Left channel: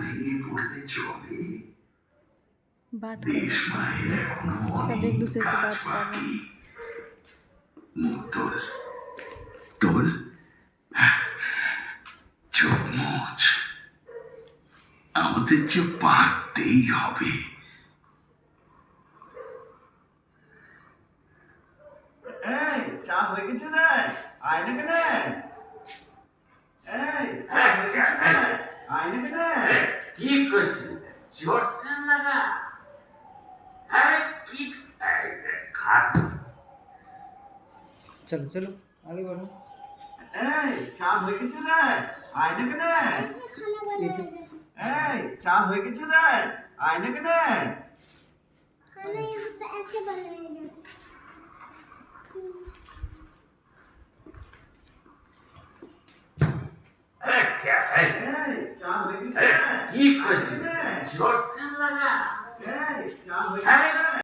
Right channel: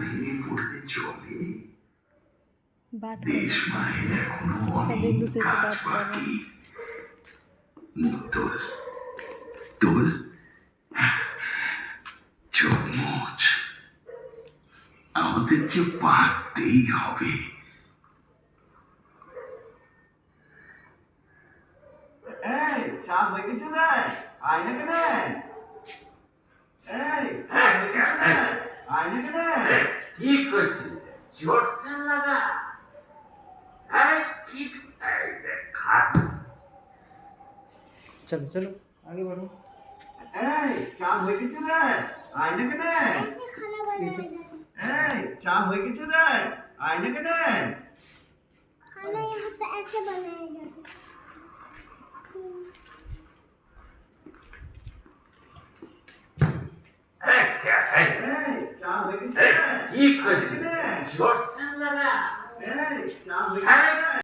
ভেঙে পড়লে চলে। बात कर দেশ रहे हैं, মায়ের এখনো सब অনেক एक दूसरे से কাজ बात कर रहे বাকি। हैं। মুখ তোল, তোল, চোখ মোচ। আমাদের যে পারতেই হবে। এই চা হয়ে গেছে রে, আয় না কেন? এই চা হয়ে গেছে রে, আয় না কেন? কি করছিস? জোরছেন লাগা কি খাস चलो चलो आगे बढ़ो। এই চা হয়ে গেছে রে, আয় না কেন? ऐसे खाना बनाया जाता এই চা হয়ে গেছে রে, আয় না কেন? है। खाना यहाँ पे ऐसे बनाया जाता है। এই চা হয়ে গেছে রে, কি করছিস? জোরছেন লাগা এই চা হয়ে গেছে রে।